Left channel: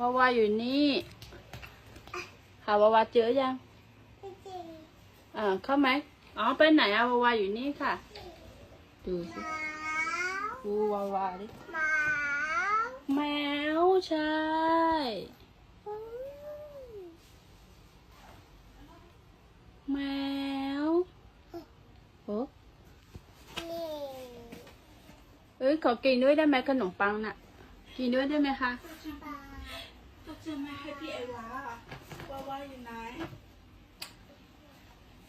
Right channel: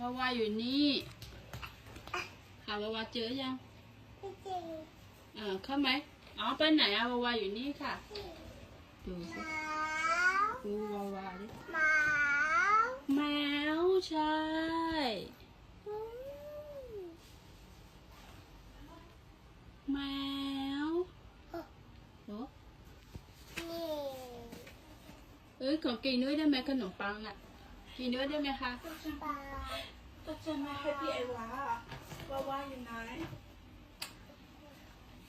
วาวาอยู่นี่ค่ะวาวาเจอยังไม่จริงอ่าเข้าไหมอ๋อไปไหนอะวาวาอยู่นี่ค่ะ ดูสิหมาดูวาวาดิหมาแมวใช่อืมแมวโอ้นี่เอ้ยขอกินด้วยได้ไหมขนมปังน่ะ กินด้วยได้ไหมคะปลาก็จะไม่ให้พี่ไอวาว่าว่าอยู่ไหน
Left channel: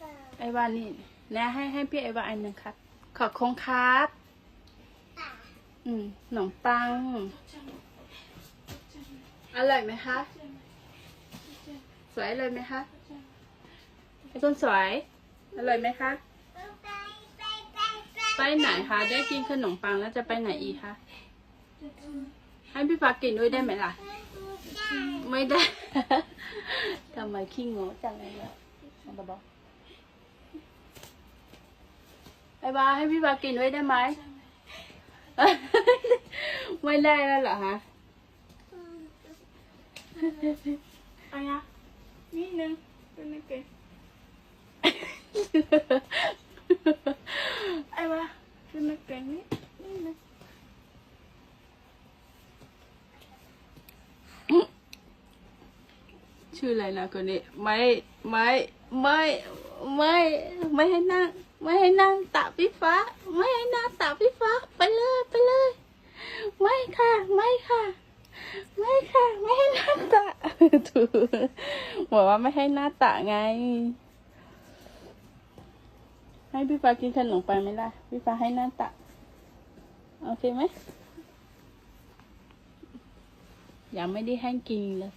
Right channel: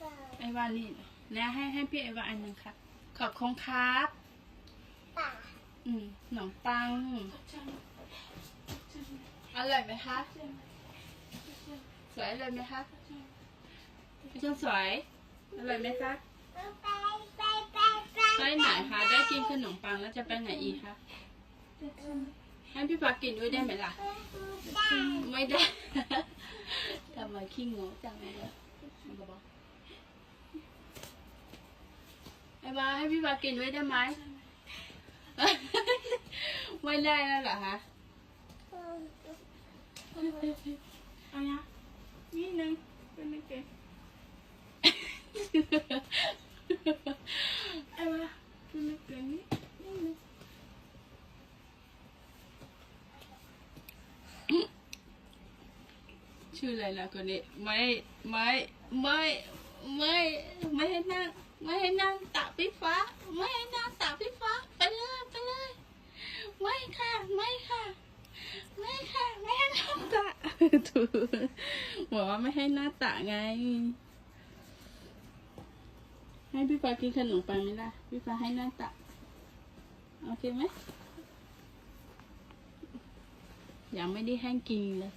ปลาไอวานี่และให้ให้พี่ไอวาอันหนึ่งครับ ขอบคุณครับปลาอืมขนมปังอร่อยไหมคะสวยเลยไหมคะไอคนสวยอร่อยไหมคะไปไปไปไปไปไหนคะ ได้กินขนมปังแล้วจะไปไหนอีกคะ ให้พี่ฟ้ากินด้วยได้ไหมล่ะได้ไม่ได้ ทำไมขี้งงจังเลยอะของตะบอกไอ้บาให้พี่บากินด้วยได้ไหม ไม่ได้แล้วเหรอฮะอันเนี้ยนิดนึงเป็นนึงเกินไอวาเป็นนึงเกินนิดนิดนึง ชื่ออะไรนะคนนี้ไม่ไม่ไม่ไม่ไม่ให้นั่ง ไม่ให้นั่งตักพี่ฟ้า ไม่ให้นั่งตักพี่ฟ้า ไปเลยไปเลย ไม่ค่ะไม่ค่ะ ไม่ค่ะ ไม่ให้หน้าตะถูกบอกว่าไม่ให้หน้าตะไง ให้พี่ฟ้ากินขนมไปไหมล่ะพี่ฟ้าให้หน้าตะโอเคไหมยังไม่ได้ให้กินเลย